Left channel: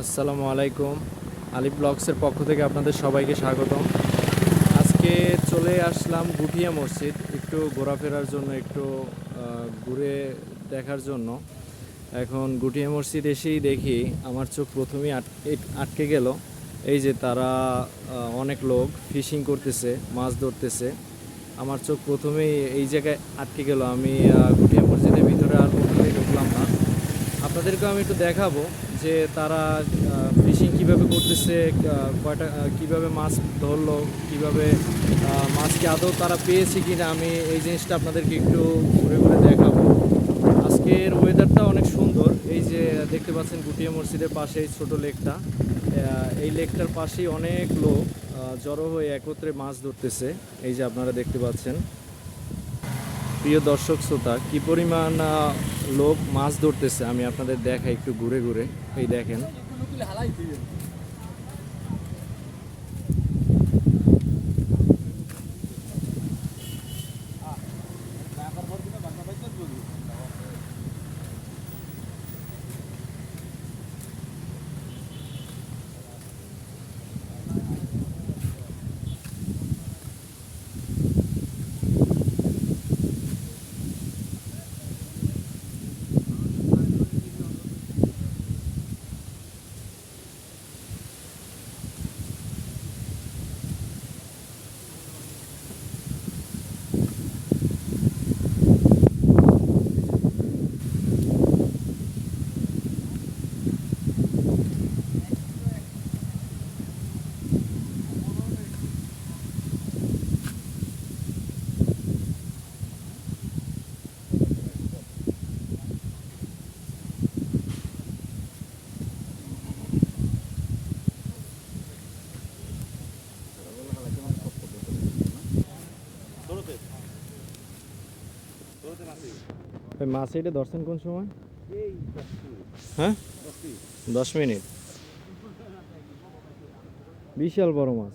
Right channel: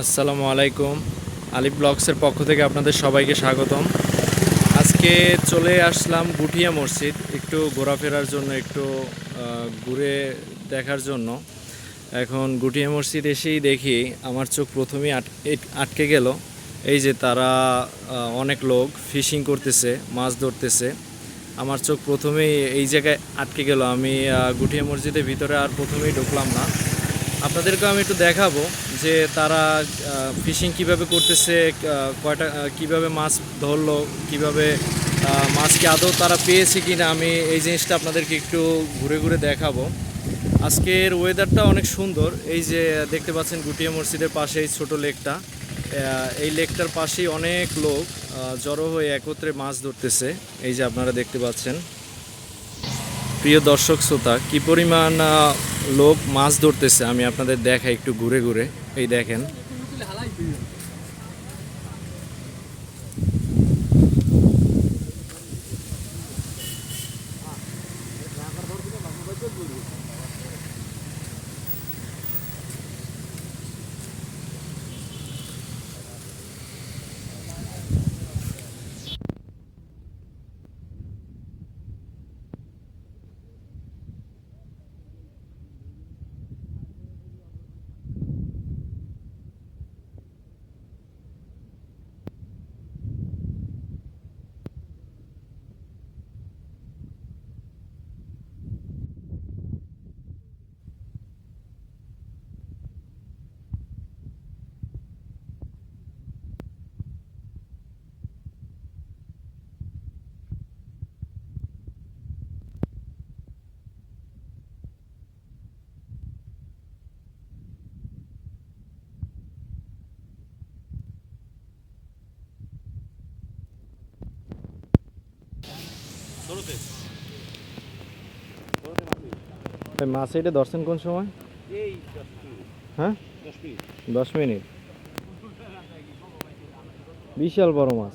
আসসালামু আলাইকুম। আলিফ ব্লগসের পক্ষ থেকে আপনাদের সবাইকে স্বাগতম। আজকে চলে আসলাম গুটিয়া মসজিদ, একটু ঘোরাফেরার জন্য, একটু ঘুরে দেখার জন্য। এখন গুটিয়া মসজিদ এসেই দেখি, আমার চোখ প্রথমেই আট- আটকে গেল। এই যে তারা অনেক লোক ফিশিং করতেছে, মাছ ধরতেছে। আমার চোখ প্রথমেই এই জায়গায় আটকে গেল। আমি গুটিয়া মসজিদের ভিতরে আর প্রথমেই ঢুকলাম না। আপনাদেরকে আমি একটু দেখাবো। যে তারা ফিশিং কীভাবে করতেছে কয়টা কীভাবে মাছ ধরলো কীভাবে আহ, মাছ কি আদৌ তারা পেয়েছে কিনা আমি এই জিনিসটা আপনাদেরকে একটু ঘুরে ঘুরে দেখাবো। আজকের ওয়েদারটা অনেক সুন্দর। এই যে দেখতে পাচ্ছেন গুটিয়া মসজিদের পাশে এই ছোট লেকটা। এই লেকটার পাশেই অনেক লোক জড়ো হয়ে একত্রে মাছ ধরতেছে। এই যে আপনারা দেখতে পাচ্ছেন। প্রিয় দর্শক শ্রোতা কি পরিমাণ লোক মাছ ধরতেছে আমি আপনাদের দেখাই একটু ঘুরে ঘুরে। এই দেখেন। মাছ এটা ধরছেন কোন সময়? হ্যাঁ? দশ মিনিট। বিশাল বড় মাছ।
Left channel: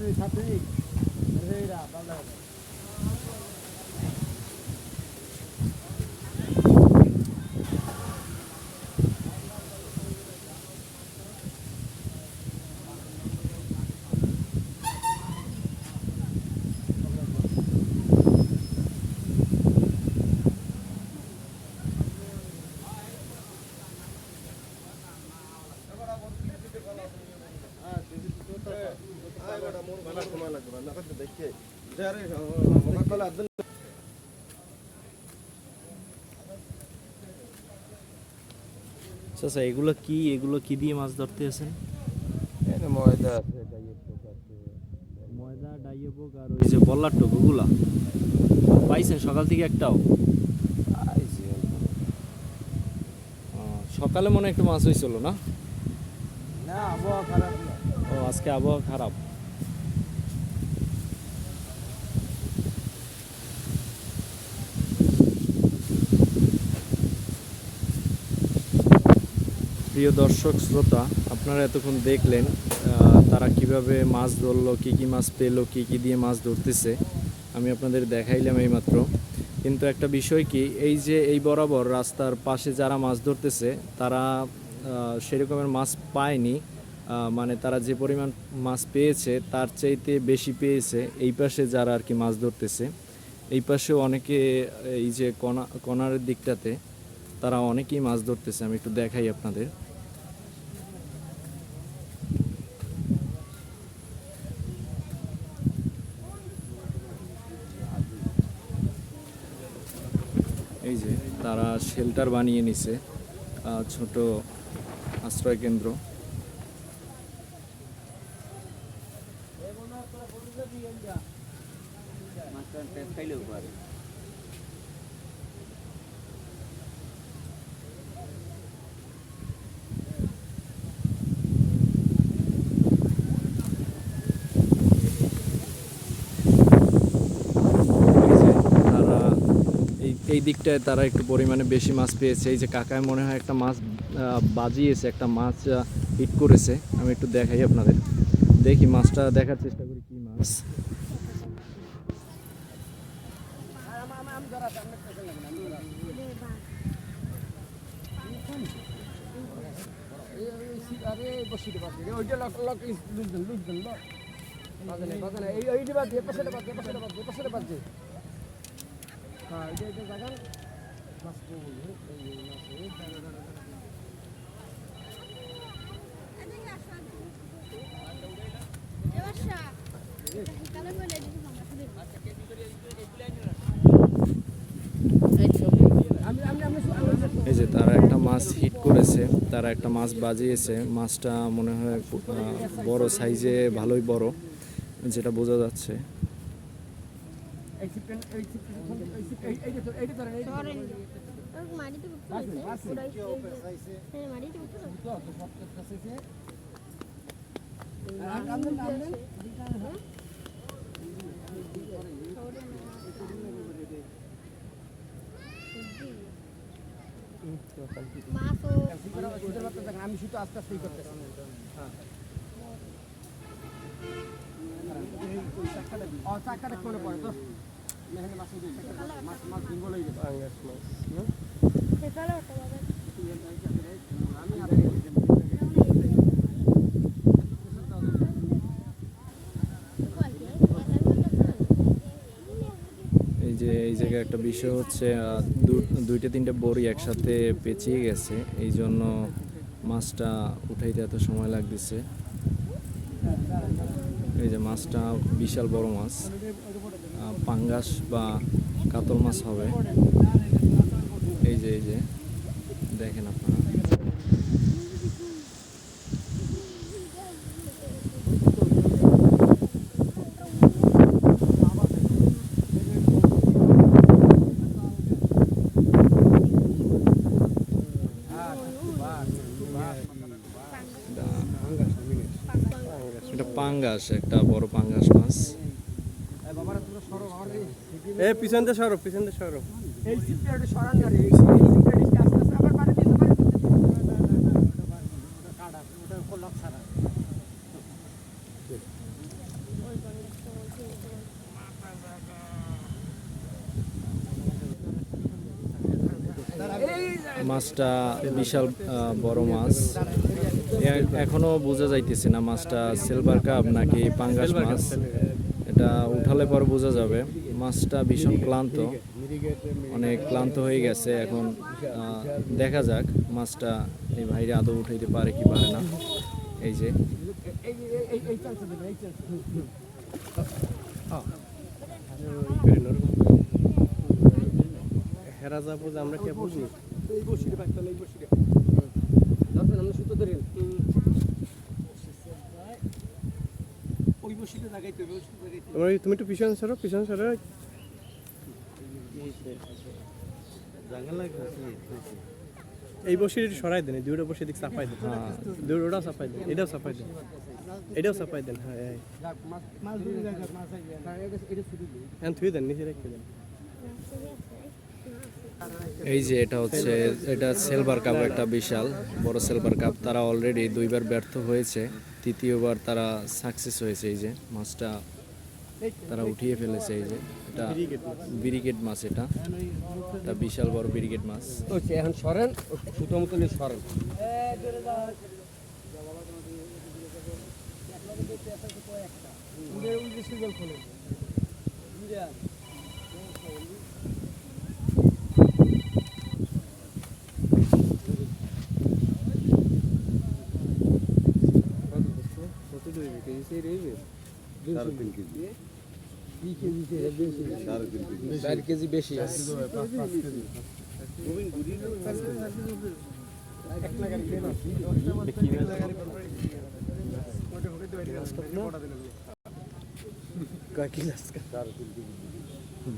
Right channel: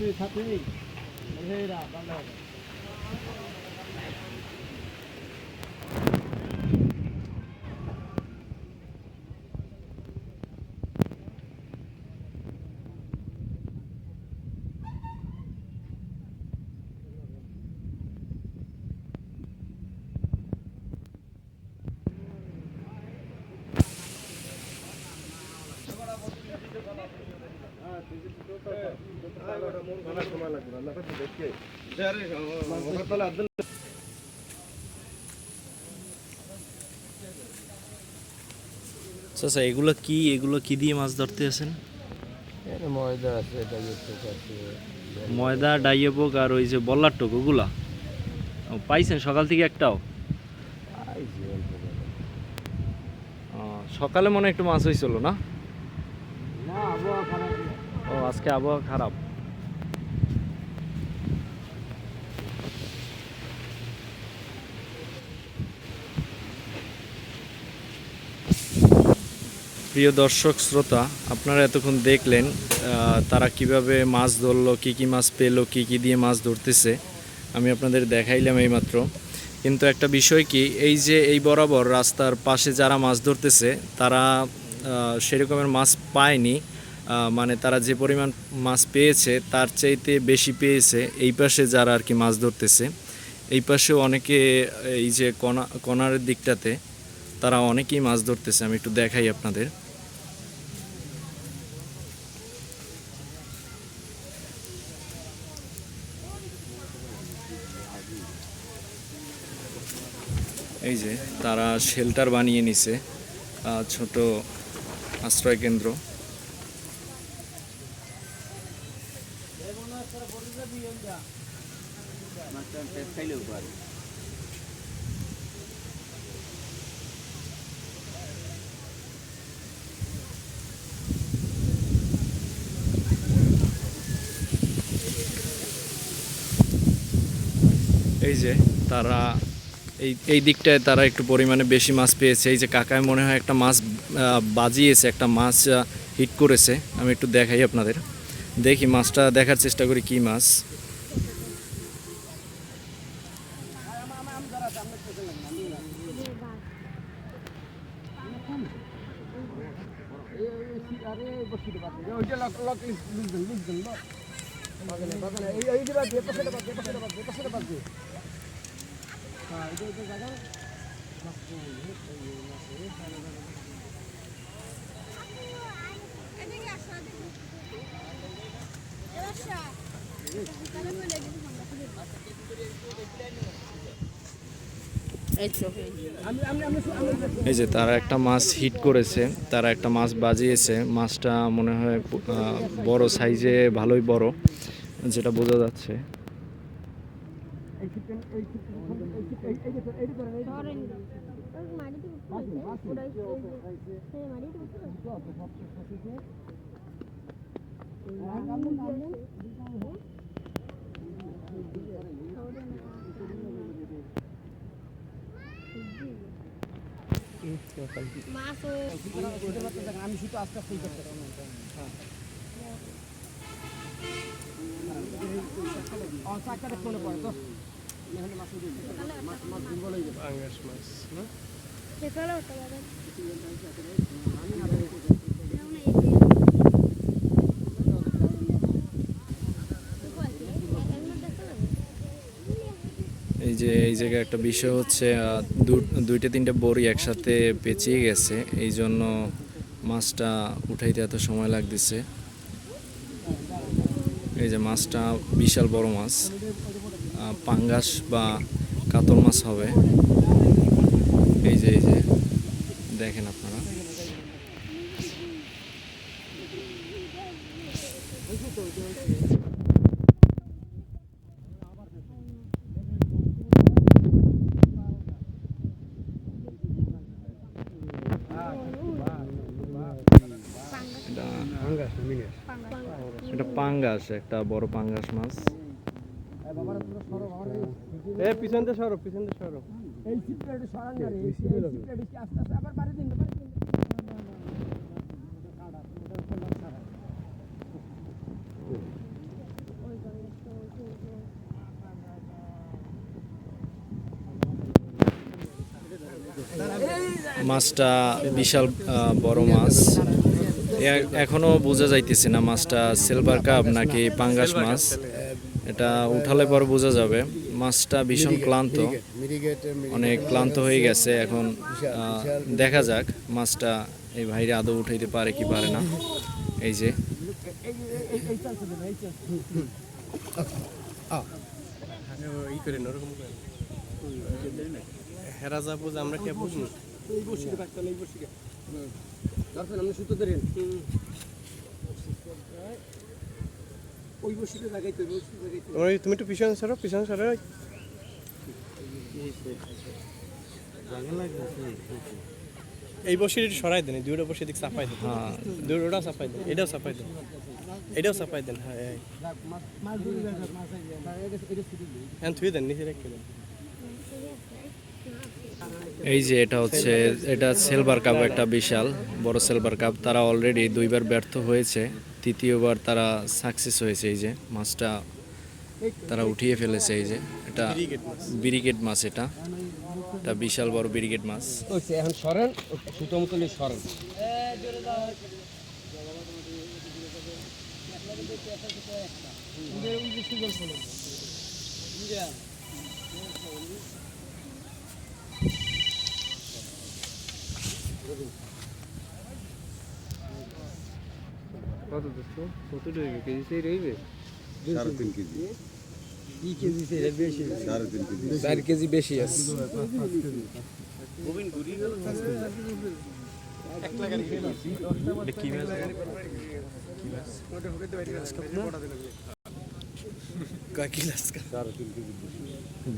সাথে সাথে আচ্ছা এগুলো কি এগুলো কি দিয়ে মাছ ধরতে আছেন ময়দা ময়দা ডাইয়েবক আর ওই যে বল্লার টোক ওগুলা? পাইছেন সকাল থেকে একটাও? সকালে মনে একটু মাছ হয়েছিল না? না আবহাওয়া খারাপ না। ও আজকে আবহাওয়া খারাপ। প্রিয় দর্শক, শ্রোতা, আপনারা এতক্ষণ দেখলেন তারা কীভাবে মাছ ধরলো, কি কি মাছ পেল, কি কি দিয়ে মাছ ধরতেছে। আমি আপনাদের দেখাইলাম এইমাত্র। কিন্তু একটা বিষয় কি, এই যে এই বরাবর রাস্তার পাশে যারা মাছ ধরতেছে, তারা সেরকমের মাছ পায়নি। মানে তারা যে পরিমাণ মাছ পেয়েছে, তার চাইতে বেশি পেয়েছে এই পাশে যারা আর কি মাছ ধরতেছে। এই পাশেও অনেকে এই যে কণা কণার দিকটাতে তারা অনেকেই মাছ ধরতেছে, আমি একটু দেখাই আপনাদের। এই যে, তারা শেল্টার বানিয়ে নিছে ছোট আশ্রয় কেন্দ্র যে তারা এই দিকটায় তারা একটু পরিমাণে বেশি মাছ পেয়েছে এই যে কাকায় মনে হয় একটা মাছ বাজিয়েছে একটা মাছ হিট করেছে আমি একটু দেখাই আপনাদের দেখি মাছটা দেখার চেষ্টা করি কি মাছ এই এই যে তারা একটা মাছ হিট করেছে, তারা একটা মাছ বাজিয়েছে। মাছটা মনে হয় বড় সাইজে ভালোই বড়, যেটা বোঝা যাচ্ছে। আমি শুধু আস্তে আস্তে করতে হ্যাঁ চাকাটা কোনে পড়ে তো। মাছ এই যে এই জায়গায় একটা বিষয় হচ্ছে দু- দুইটা তিনটা বড়ি একসাথে পেঁচিয়ে গেছে। এই জন্য মাছটা উঠাইতে এত সময় লাগতেছে। এই যে মাছটা বিশাল বড় মাছ পাঙ্গাস বা কাতল মাছ হবে। এই যে এই যে, দেখেন আপনারা এটা এটা পাঙ্গাস একটা বড় পাঙ্গাস মাছ। পিছন দিয়ে পিছন দিয়ে এই সিটটা একটু সরান না রে এই সিটটা আস্তে আস্তে আবার বাড়ি দিতে পারে কাটা ওটা লক ছাড়া মাছটা বিশাল বড় মাছ। এ- এখনও বোঝা যাইতেছে না মাছটা সিলভার কাপ নাকি পাঙ্গাস মাছ। এটা উঠালে পর বোঝা যাবে। মাছটা ভীষণ ক্লান্ত। অনেক ক্লান্ত হয়ে গেছে। এখন দেখা যাক মাছটা এই ভাইরে আদৌ উঠাইতে পারে কি পারে না। এই যে। হেরা যাব আমরা কে বুঝনি এই বসিটা কাটতে এই বসিটা ধরেন আপনি সুতো ধরেন ওই লাগাইতে ওই তুমি একটু পিছনে সরো পিছনে সরো। এই বসে একটু সরাই দেন দুইটা বসে দিক চাপাই দেন। হ্যাঁ। দুইটাও চাপাই দেন এটাও চাপাই দেন। এটাও চাপাই দেন হ্যাঁ হ্যাঁ দিই হ্যাঁ থুই দেন নিচে রেখে দেন। এই যে এটা হচ্ছে, এটা সিলভার কাপ একটা বিশাল, বড় সিলভার কাপ তারা অলরেডি দুইবার ব্যর্থ হয়েছে, তৃতীয়বার তারা সাকসেস হয়েছে এই যে, মাছটা তারা উঠিয়ে ফেলেছে এই যে। এটা ব্রিগেড মাছ এটা এটা বিশাল বড় ব্রিগেড মাছ। এখন সরেন, সুতো সরেন। কেজি সেই রইবে সাড়ে তিন কেজি চার কেজি বেশি আছে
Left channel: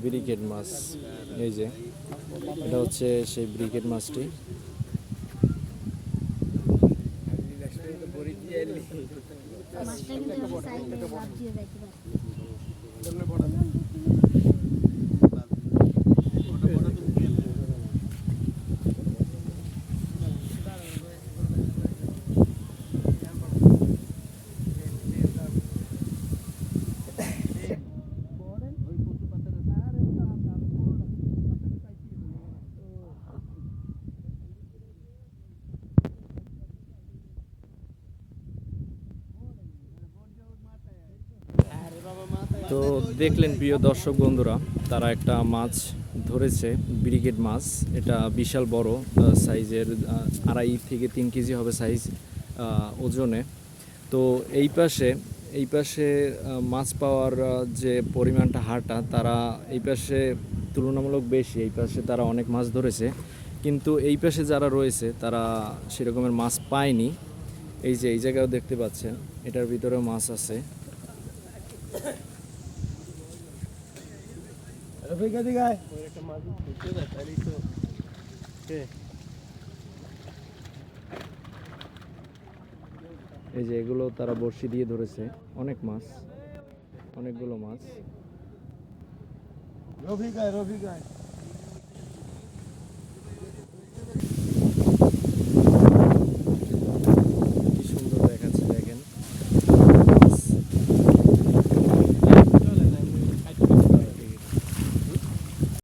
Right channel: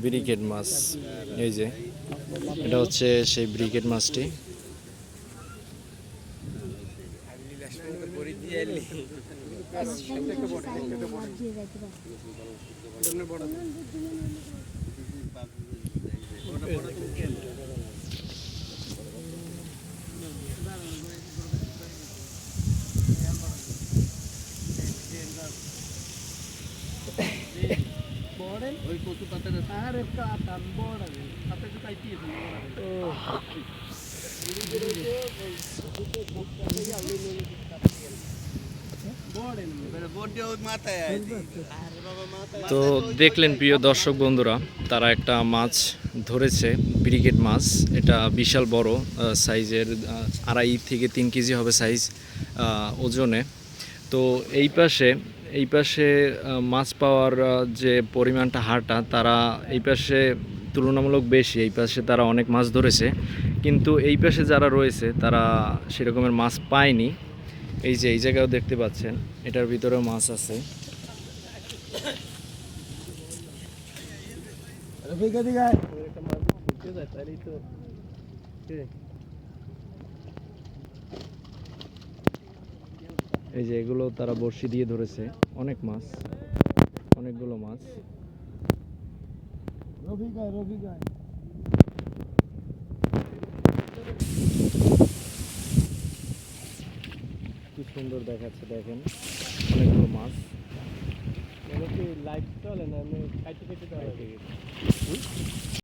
ব্রিকেট মাছ এই যে এটা হচ্ছে সেই ব্রিকেট মাছটি লাভ দিয়ে যাইতে পারে তো দেখলেন প্রিয় দর্শক বন্ধুরা, তারা একটা মাছ ধরেছে ব্রিকেট মাছ। এটা বিশাল বড় সাইজের আড়াই থেকে তিন কেজি হবে সাইজ ওজনে। তো এই পাশে এই পাশে মাছ পাওয়ার যে পরিমাণটা হারটা, তারা এই পাশে তুলনামূলক বেশি, এই পাশে তারা অনেক মাছ ধরেছে। কিন্তু এই পাশে যারা রয়েছে, তারা সেরকমের মাছ পায়নি। এই যে, এই জায়গাও দেখতে পাচ্ছেন, এটার ভিতরেও মাছ আছে। এই যে, এগুলো তারা বড়শি দিয়ে ধরেছে, অনেক মাছ, অনেকগুলো মাছ। রফিকায় রফিকায়